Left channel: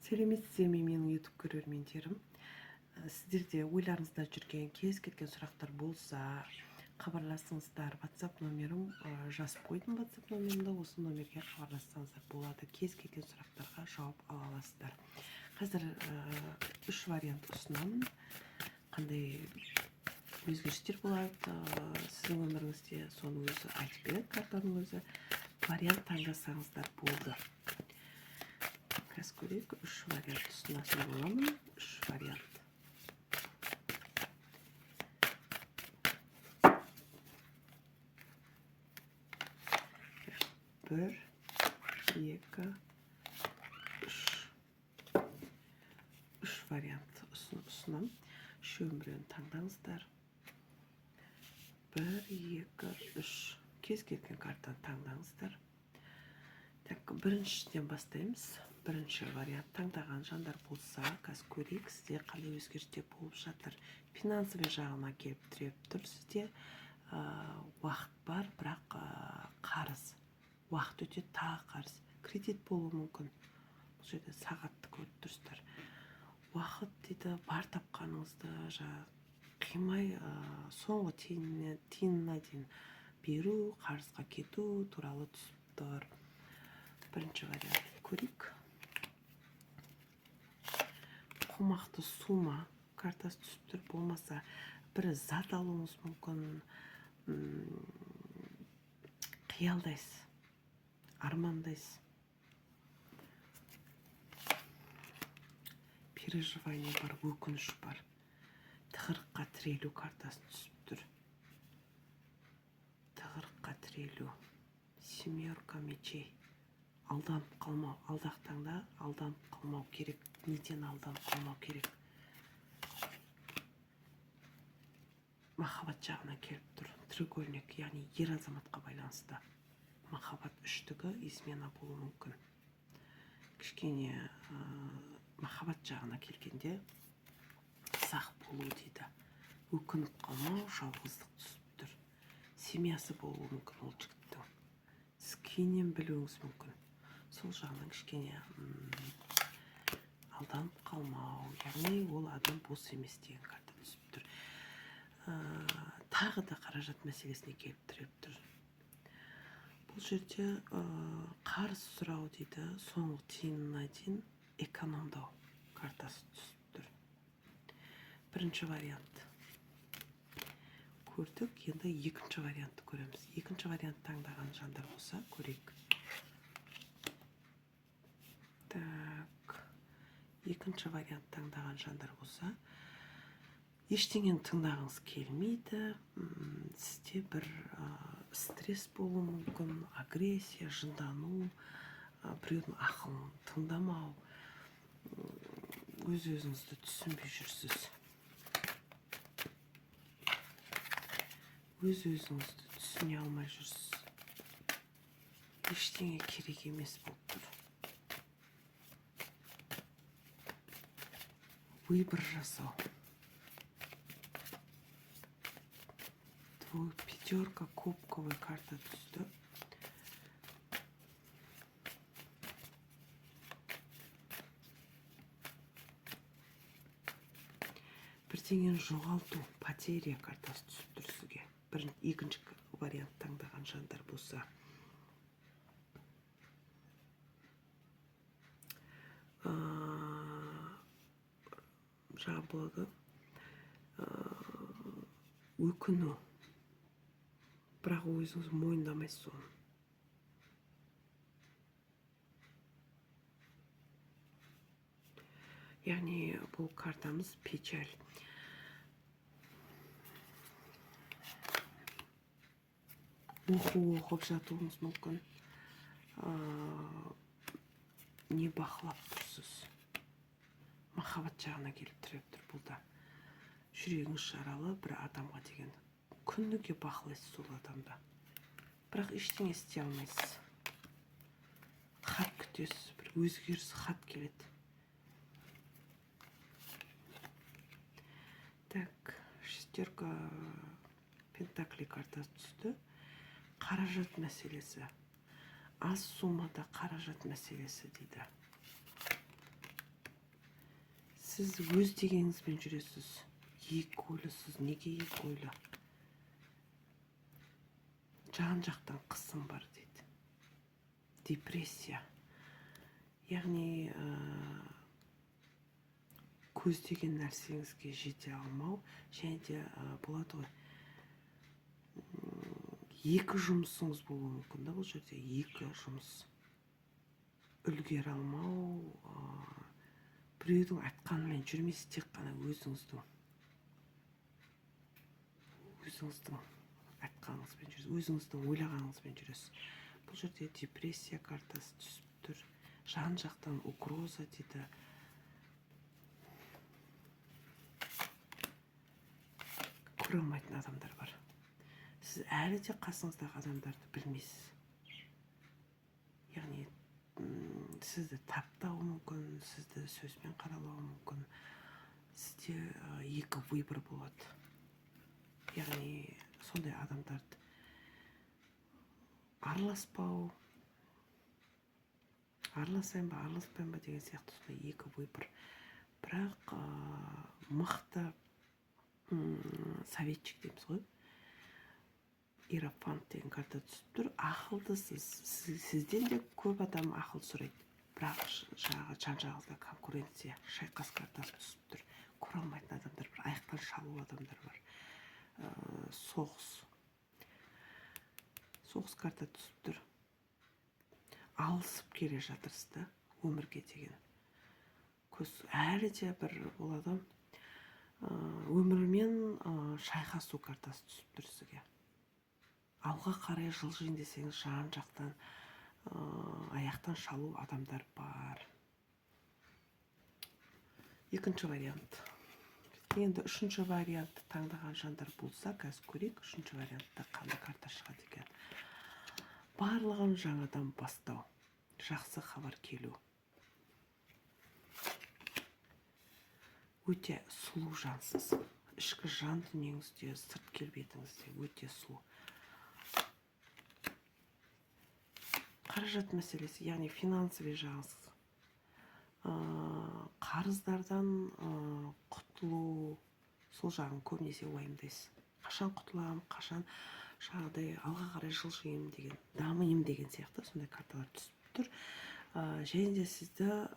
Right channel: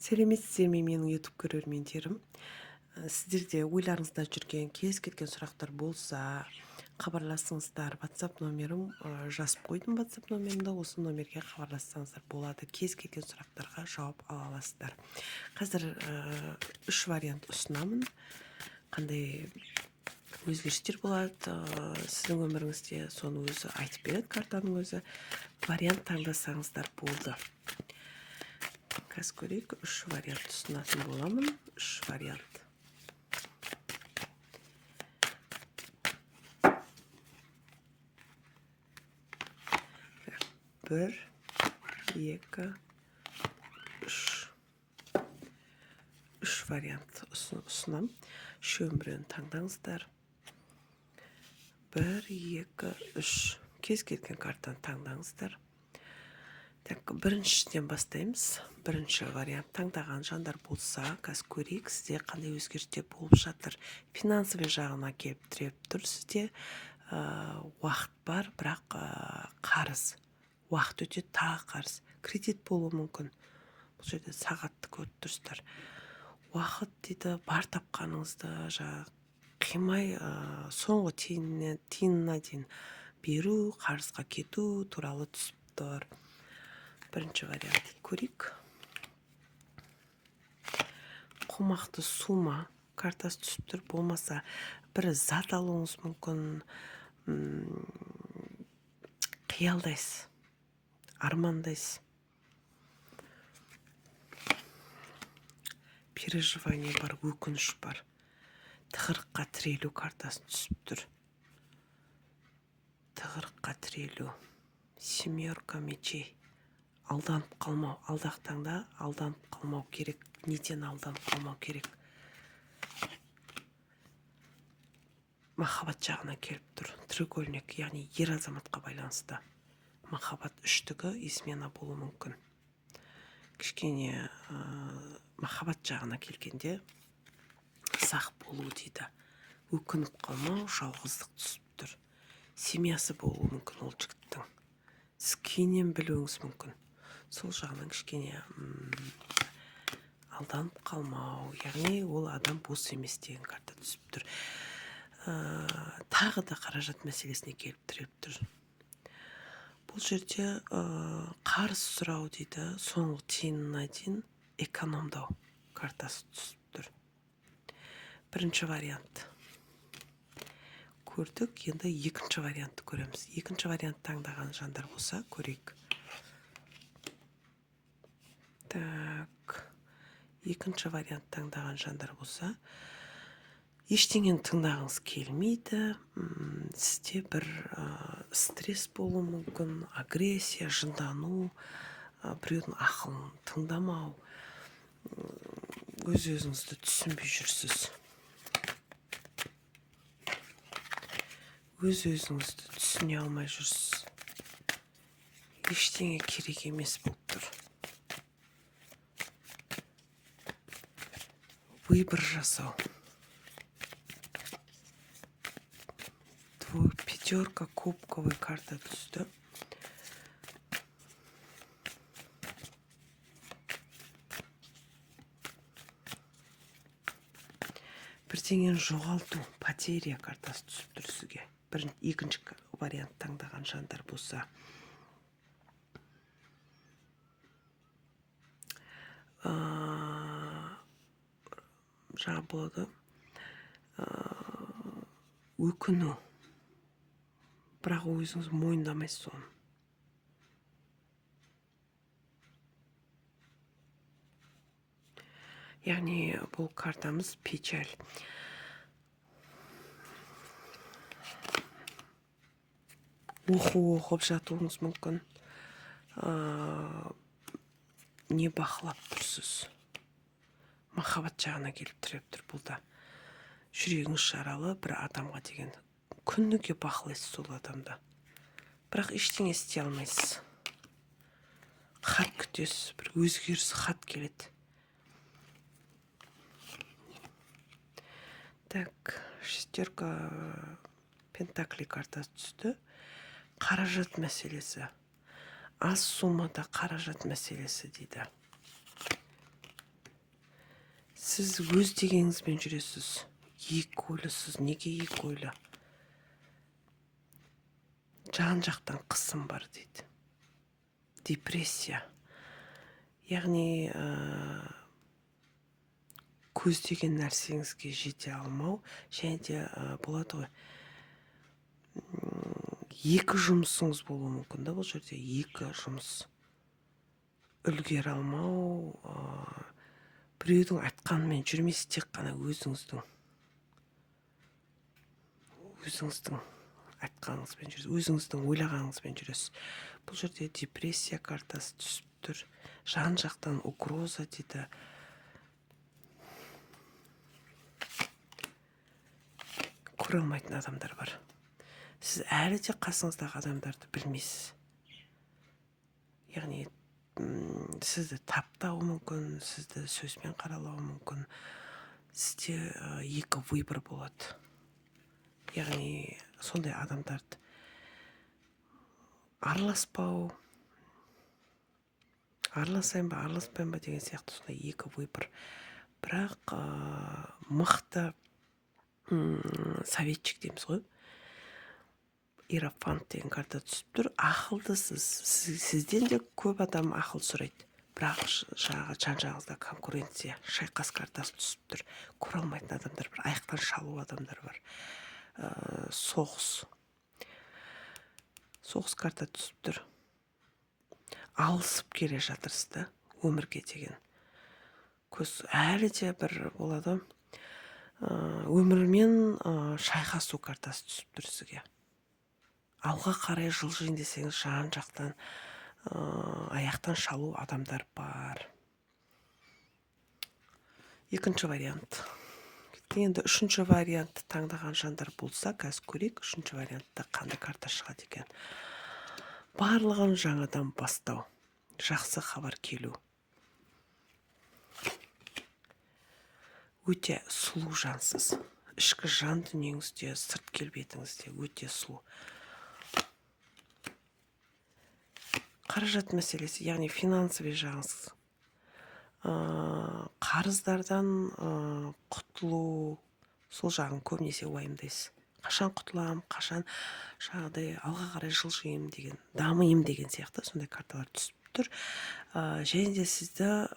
Сәлеметсіздер ме менің YouTube көрермендерім. Сіздерде ойларыңызда жүрген кез келген сұрақтар болса, хабарласыңыздар. WhatsApp номерім жазып қойдым. WhatsApp номерімді осы номерге хабарлассаңыздар болады. Кез келген сұрақтарға жауап ала аласыздар. Қазір үш вариант ұсынамын. Қандай өзгерістер болады сіздің өміріңізде, соны өзі айтып береді картаның өзі. Вариант таңдасаңыздар болды. Қазір көрейік, үш вариант ұсынатын боламын. Үш вариант. Бір, екі, үш. Үш вариант ұсынам. Үшеуін біреуін таңдаңыздар. Бір, екі, үш. Кез келген картаны таңдаңыздар. Біріншіден бастаймыз. Бірінші вариант таңдаған жандар болса, қазір көрейік сізде қандай өзгерістер болып жатыр. Финансовый жағына келіп тіреп тұр. Сізде уақыт бар, бірақ қарыз. Уақыт өте тағы қарыз. Кредит болуы мүмкін. Бұл жерде сағатты көріп тұрсыздар. Уақыт дейді, бар тапқаныңызды қимай соңғы тиынына дейін беру, қарызға кету туралы түсіп тұр. Бірінші вариант көрейік. Қомақты сума картасы түсіп тұр. Болмаса бір зат алуыңыз мүмкін. Қиялдайсыз, армандайсыз. Переживание бар, өкініш бар. Тығырыққа тірелу картасы түсіп тұр. Тығырыққа тірелу. Семерка мечей. Алданып қалмау. Алдақтаңда алданып қалмау керек. Неден алданып қалмау керек. Махаббат жағына келіп тұр. Треугольник, яғни ер азаматқа байланысты. Махаббат үштігі измена болуы мүмкін. Кішкене махаббат жағына келгенде сақ болу дейді. Өкініп қалмау, жалғыздық түсіп тұр. Семьясы болуы мүмкін ол жігіттің. Сіз кейіннен білуіңіз мүмкін. Сол жағынан кішкене алданып қалмау, яғни ол адам бос емес деген карта түсіп тұр. Тағы да қаражат мәселесіне келіп тіреп тұр. Бұл жерде қарыз сұрау дейді, соңғы тиынына дейін экономдау картасы түсіп тұр. Бірінші вариант көрдік, енді екінші вариантты көреміз. Екінші вариант таңдаған жандар болса, көрейік. Екінші вариант таңдаған жандар болса, ештеңені тыңдағыңыз келмейді. Сізде бір стресс болуы мүмкін, агрессия, жындану, біреудің ақылын тыңдамау, өз-өзіңізді түсінбей жүрсіз. Өз-өзіңізді түсіне алмай жүрсіз. Ештеңе керек емес болып тұр. Выбор жасау. Пятерка кубковый карта түсті. Бірдеңені жоғалту, потеря картасы түсіп тұр сізге. Екінші вариант таңдаған жандар болса. Жаңа болады. Өкіну. Бірақ өзіңіз мойындамайсыз соны. Яғни бұл картамыз печаль. Оқып жатуыңыз мүмкін. Не бақылап тұрсыз? Махаббат жағына келіп тіреп тұр бұлда. Жүрегіңіз жаралы бір адамға деген. Күніге бақылайсыз сол адамда. Бірақ ештеңе істей алмайсыз. Хат күтесіз, бір өзгеріс хат келеді. Шестерка пентаклей картасы түсті. Қаражат мәселесі. Аз суммада қаражат мәселесі дейді. сіз өз дегеніңізбен жүресіз. Екі ойлысыз. Неге екі ойлы? Жан жақтан қысым бар дейді. Депрессия. Яғни көздеген нәрсеңізге жете алмау, және де болады ғой. Екі жұмысыңыз болуы мүмкін да бұл жерде. Екі жұмыс. Үлгере алмау, біреудің айтқанымен жүрмейсіз, тек қана өзіңіздің айтқаныңызбен жүресіз, өзіңіздің ойлағаныңызбен жүресіз. Бұл жерде депрессия картасы түсіп тұр. Жан жақтан угроза дейді. Көре алмайтын адамдар бар. Сіз әлі де қасыңыздағы адамдарды білмейсіз. Яғни сізді таптауы мүмкін, сізді сөзбен қаралауы мүмкін. Сізде екі выбор болады. Яғни сондай адамдарды араласпау, араласайын ба, араласпайын ба деген сияқты сондай екі выбор. Бірақ мықты советчик дейміз ғой. Иерофант деген карта түсіп тұр. Ақылдысыз. Сізден де көп адам ақыл сұрайды. Бірақ жан-жағыңызда конкуренция, шайқас картасы түсіп тұр. Көре алмайтын адамдар бар, аяқтан шалу адамдар бар. Соғыс карта түсіп тұр. Алысып келе жатырсыз да өмірге деген. Көз әлі де бір болады. Өмірмен шайқасу картасы түсіп тұр сізге. Алға қарай жылжиын десеңіз, жан жақтан аяқтан шалу адамдар бар. Екінші вариант. Енді үшінші вариантты таңдаған жандар болса, қазір көрейік, үшінші вариантта қандай карта шығады екен. Барлығын жаңадан бастау. Жақсы хабар келу. Өте сұлу жансыз. Ішкі жан дүниеңізде, сырт келбетіңізде өте сұлу. Қаражат мәселесі, яғни финансовый жағыңыз. Қарыздардан құтылу, сол жағын көбінесе уайымдайсыз. Қашан құтылам, қашан жаңағыдай алға қарай жылжиым деген, дамиым деген сияқты сондай карталар түсіп тұр. Және де сізді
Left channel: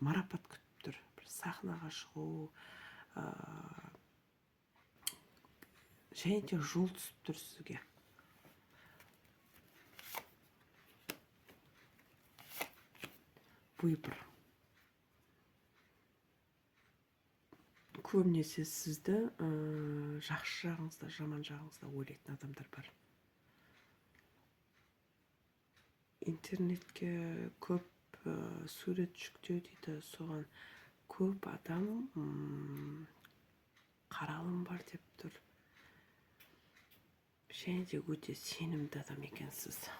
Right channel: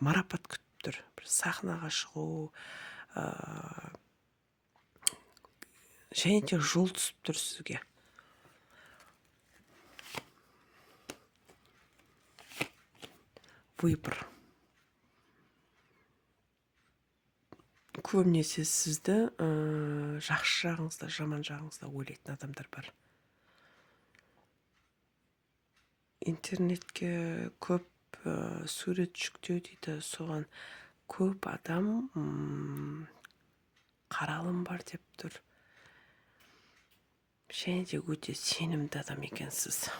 марапат күтіп тұр. Бір сахнаға шығу, және де жол түсіп тұр сізге. Выбор. Көбінесе сізді жақсы жағыңызда, жаман жағыңызда ойлайтын адамдар бар. Интернетке көп сурет жүктеу дейді, соған көп адам қаралым бар деп тұр. Және де өте сенімді адам екенсіз.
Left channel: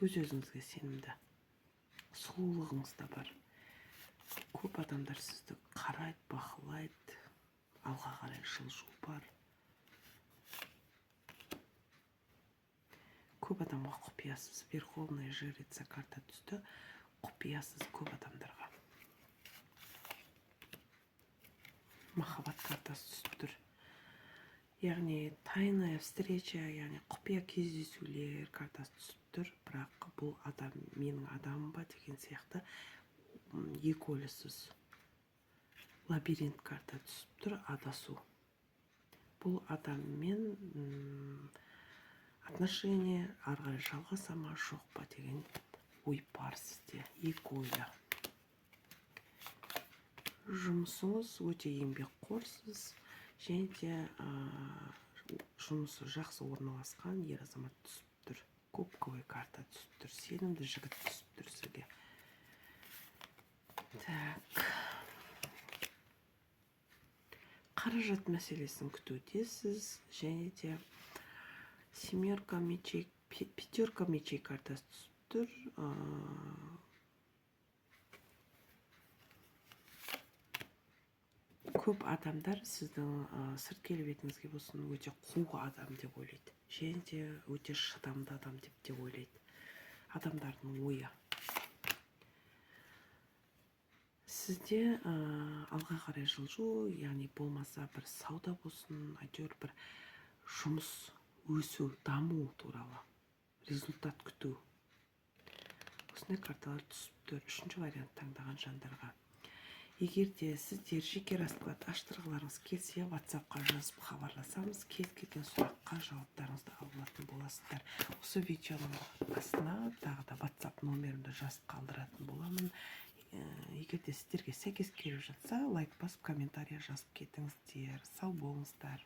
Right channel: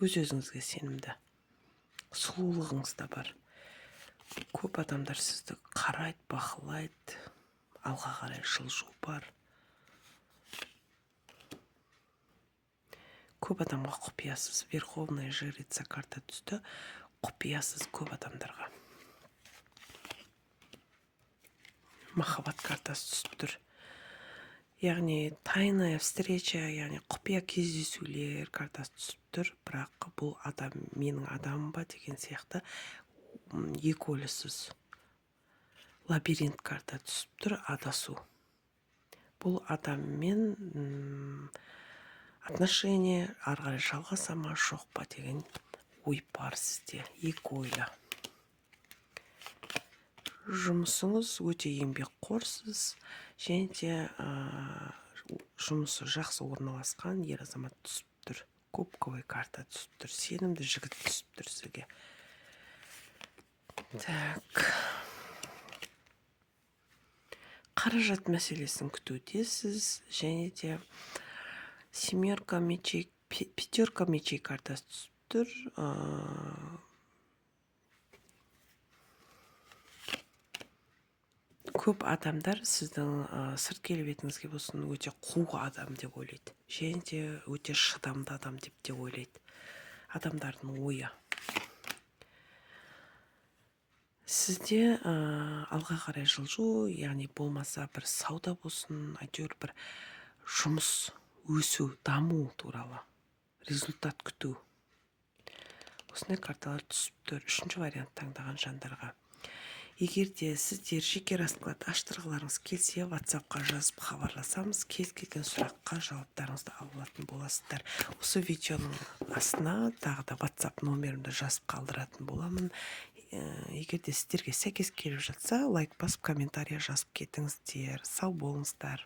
Өз-өзіңізге сенімді. Сұлулығыңыз да бар. Көп адамдар сізді қарайды, бақылайды, алға қарай жылжу бар. Көп адамға құпиясыз. Верховная жрица карта түсті. Құпиясыз көп адамдарға. Махаббат картасы түсіп тұр. Яғни тайная встреча, яғни құпия кездесулер картасы түсіп тұр. Бірақ бұл адам менің адамым ба деген сияқты екі ойлысыз. Лабиринт карта түсіп тұр, адасу. Бұл адаммен отношение ары қарай жалғаса ма, жоқ па деген ой бар сізде. Екі ойлы. Жұмысыңыз өте еңбекқорсыз, және де жұмысы жақсы орналасқан ер азамат түсіп тұр. Кубковый карта түсіп тұр. Сенімді жігіт түсіп тұр сізге. Так. Қаражат мәселесін күтудесіз, және де семерка мечей, пятерка мечей картасы түсіп тұр. Көп адамдар сіздің сырт келбетіңізге болсын өте қу адам деп ойлайды. Және де өте шыдамды адам деп те ойлайды. Адамдардың ойы. Сіз сізде алға қарай жылжу, яғни болмаса бір сауда болсын, әйтеуір бір жұмыс, өсу, даму туралы результат күту. Осындай карталар түсіп тұр. Үшінші вариант таңдаған жандарға. Егер де сіздер жеке расклад аштырғыларыңыз келсе, WhatsApp-қа жазып хабарласамыз, кез келген сұраққа жауаптарыңызды алатын боласыздар. Осы видеоның астына тағы да WhatsApp номерімді жазып қалдыратын боламын. Егер де сіздерге сәйкес келіп жатса, лайк басып, комментария жазып кетіңіздер. Сау болыңыздар.